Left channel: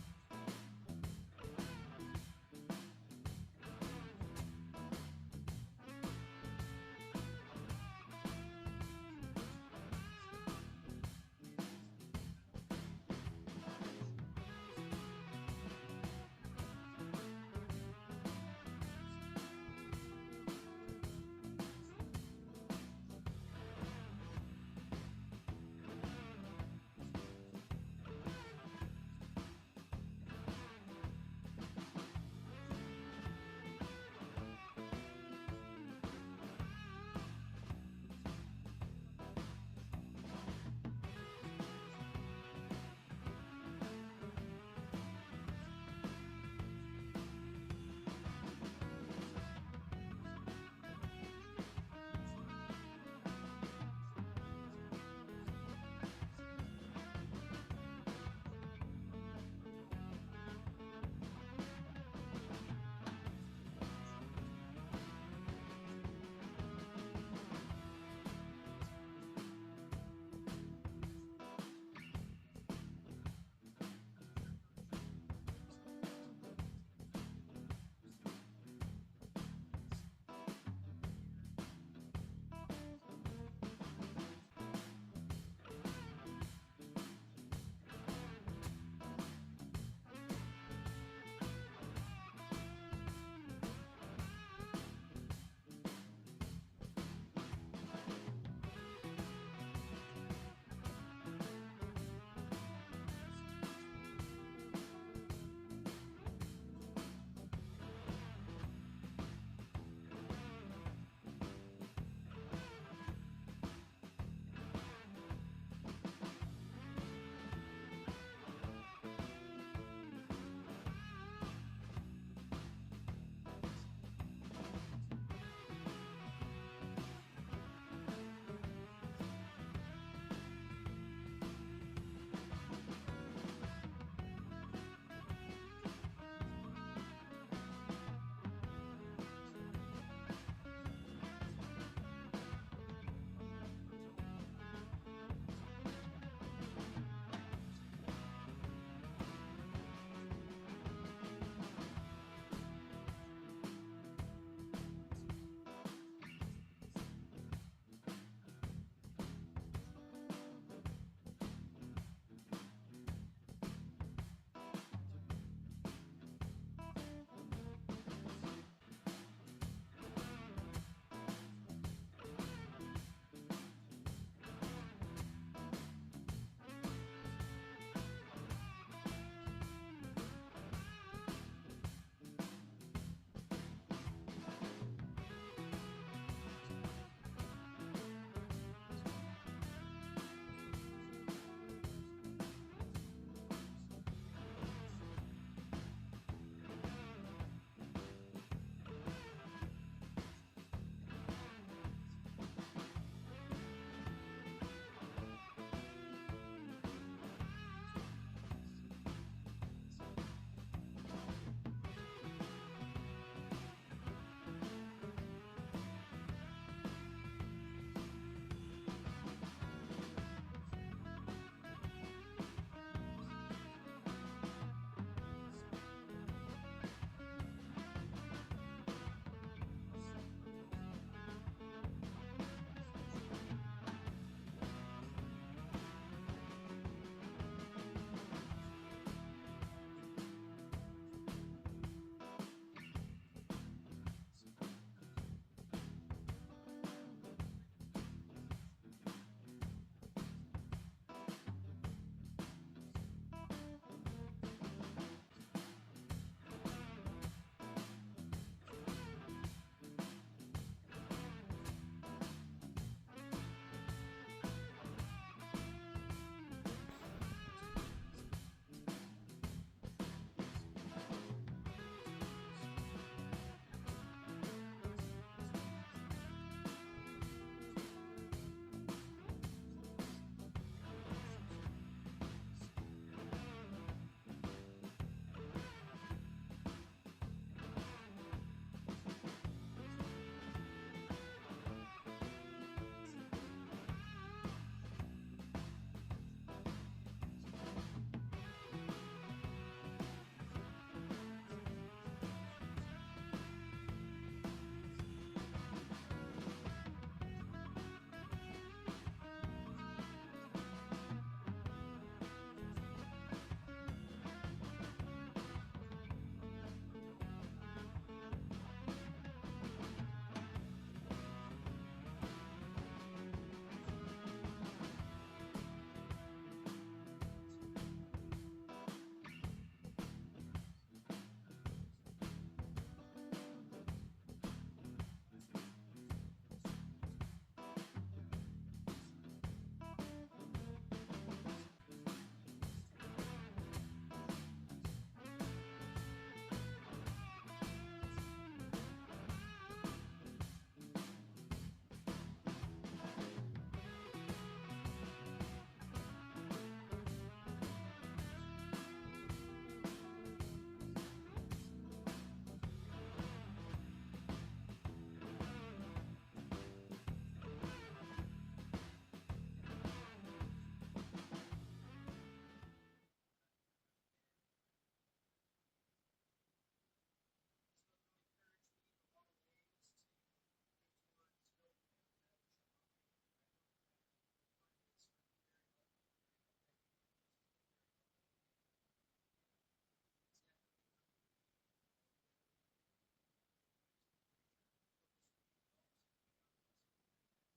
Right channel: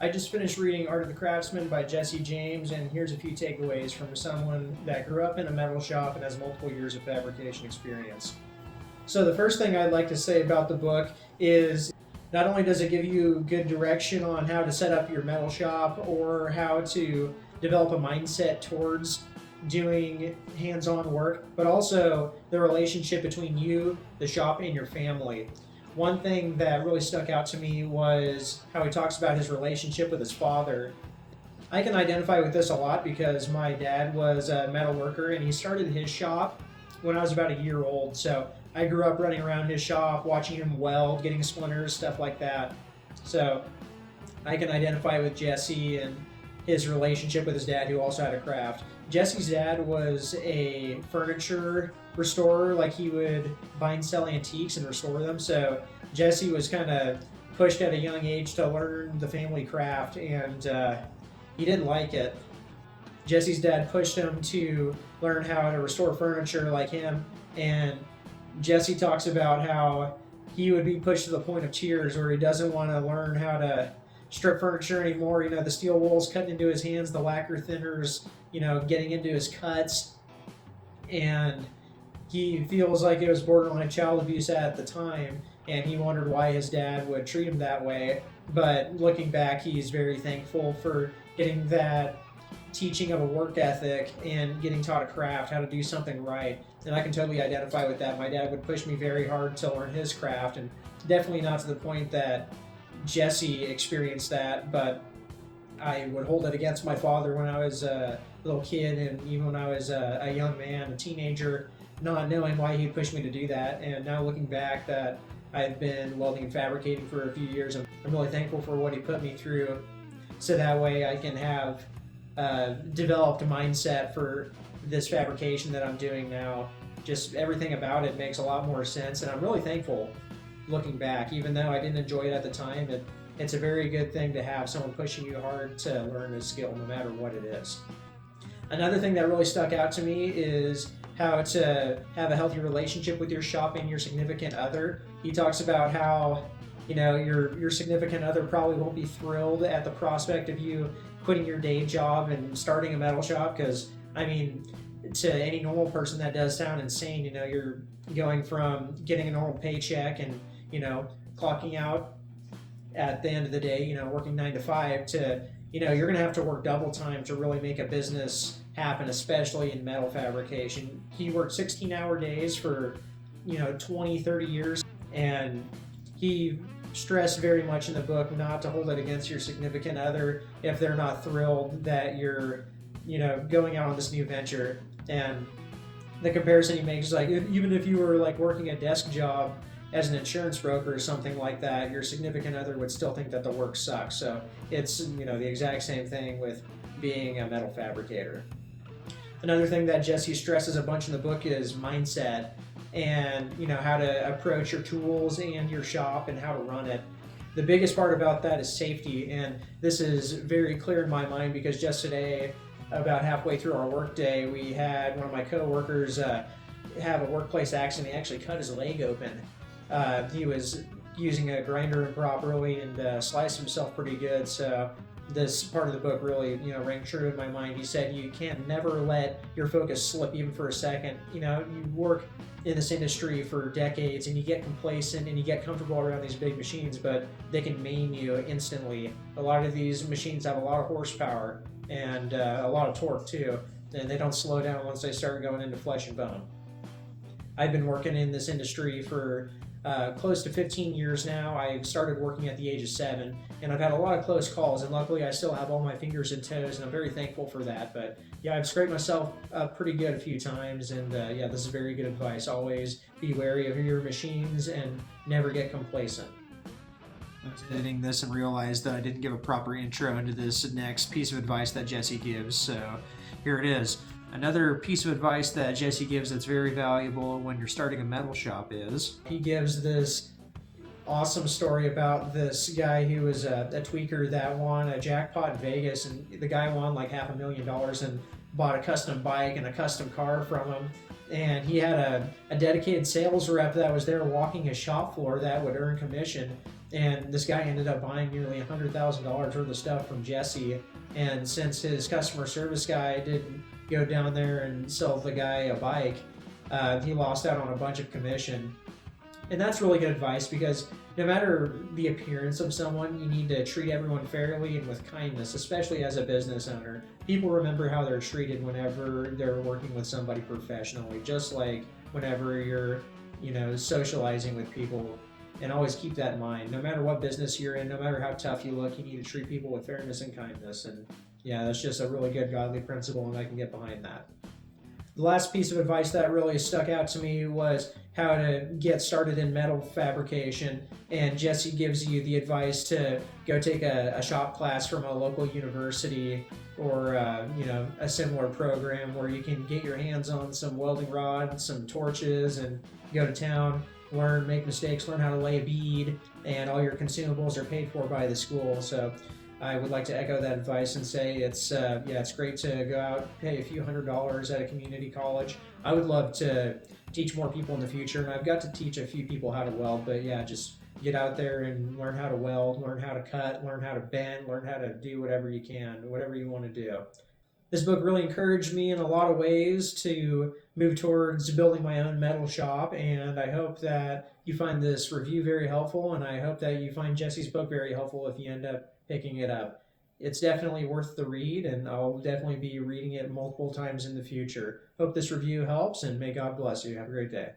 I just finished reading Art of the Craftsman by Jesse James, and here's a few takeaways from someone that grew up in a metal shop and has multiple years of fabrication experience. So the first thing I'd like to say about the book is not only does it give you good direction on how to set up your metal shop or how to develop a mindset towards doing hands-on work, but also the relationship between you, the shop, and your family. One thing that really stuck out to me was how he talks about his relationship with his father. I can identify with this a lot because my dad was a metal worker and he started his shop when I was about a year old. So I grew up running around his shop, watching him weld, getting splinters, stuff like that. So I can identify with Jesse and his relationship with his dad, who also had a craft. Jesse's dad was a furniture restorer, like he would buy and sell antiques and restore them. So Jesse was kind of pushed at a young age to learn the family craft, and he didn't like it. Jesse's dad pushed him to learn how to restore furniture like him, and Jesse talks about how he would be pushed to the point of tears where he doesn't want to learn how to strip furniture anymore. You know, the steel wool's cutting into his hands, the lacquer thinners, getting into his cuts, and he feels like it was borderline child abuse at the time, and he wondered why his dad would treat him that way. But looking back, he's very thankful for getting that teaching of a work ethic and getting taught a craft, how to do something right. And I can totally identify with that. My dad would push me very hard to learn his craft, and definitely not to the point that Jesse experienced that, but I would hold it against my father when I was a little kid, and even when I was a young man, a teenager, not knowing why he pushed me to do that. And now looking back that I've been welding and fabricating for a few years, I'm really thankful for what he put me through, so that way I can have developed a mindset for this fabrication that I'm doing now. Just everything about it makes a lot more sense, and I'm really thankful looking back. Even though I didn't enjoy it at the time, it's a very good thing to have someone pushing you hard to learn a skill, no matter what it is. Another thing that really stuck out to me is how to have a healthy relationship with your shop and your significant other. He talks about how your significant other probably won't be thrilled at the prospect of you quitting your day job and starting a metal shop, because to any normal person that does sound insane. You're going from getting a normal paycheck and clocking out at the end of the day, working 9 to 5, to you're gonna have to work double time to really make a business happen, especially in metal fabrication. He worked 16-hour days for 20, 30 years, and he stressed very much in the book not to hold it against your significant other if they're not thrilled that you're going out on this new venture. And the comparison he makes is like, even if you were like working a desk job as an insurance broker or something like that, your significant other would still think that the work sucks. So it's the exact same thing with being a metal fabricator. Another thing that Jesse stresses a bunch in the book is mindset, and how to approach your tools and your shop and how to run it. The biggest part about that is safety, and this is very clear in my mind because just today, about halfway through our workday, we had one of my co-workers have a workplace accident. He actually cut his leg open. He was using a grinder improperly and sliced himself pretty good. So this part of the book really rang true in my mind. He said you can't never let your focus slip even for a second. You work in this industry for decades and you get complacent and you get comfortable around these big machines, but they can maim you instantly. A lot of these machines have a lot of horsepower and a lot of torque too, and they don't slow down once they start going into flesh and bone. I've been working in this industry for close to 15 years now. I started working at the age of 7, and I've had a lot of close calls, and luckily I still have all my fingers and toes, and I'm very thankful for that. But yeah, I've scraped myself up pretty good a few times, and this is very good advice. Always be wary of your machines and never get complacent. I was editing this and realized that I didn't give a proper intro into this next piece of advice that Jesse gives, so here it is. Another piece of advice that Jesse gives that's very valuable when you're starting a metal shop is, he gives this awesome story about this guy who was a tweaker that won a jackpot in Vegas, and the guy won like $500,000 and bought a custom bike and a custom car from him. And he had a dedicated sales rep that was there walking his shop floor that would earn commission. And this guy ended up buying nearly $100,000 worth of stuff from Jesse. And since his customer service guy didn't go down there and sell the guy a bike, he lost out on a bunch of commission. And that's really good advice, because no matter the appearance of someone, you need to treat everyone fairly and with kindness, especially as a business owner. People remember how they're treated whenever they're working with somebody professionally, just like whenever you're, socializing with people. And always keep that in mind. No matter what business you're in, no matter how tough you look, you need to treat people with fairness and kindness. And yeah, that's just a really good godly principle, and I can get behind that. The last piece of advice that really stuck out to me was how to get started in metal fabrication. And Jesse gives you the advice to go take a shop class from a local university, or a similar program where you can get your hands on some welding rods, some torches, and go to town, learn, make mistakes, learn how to lay a bead, and all your consumables are paid for by the school. So I would like to echo that advice and say it's great to go out, pay a few $100s at a community college. I would love to teach more people in the future, and I've got to teach a few people how to weld, but yeah, just get out there and learn how to weld, learn how to cut, learn how to bend, learn how to do whatever you can, whatever you want to do. This book really encouraged me in a lot of ways to move towards building my own metal shop, and I hope that you find this review very helpful, and I hope that you find Jesse's book very helpful if you end up picking it up. It's definitely worth the read, and I'll definitely be reading it multiple times in the future. Hope this review helps, and may God bless you. Have a great day.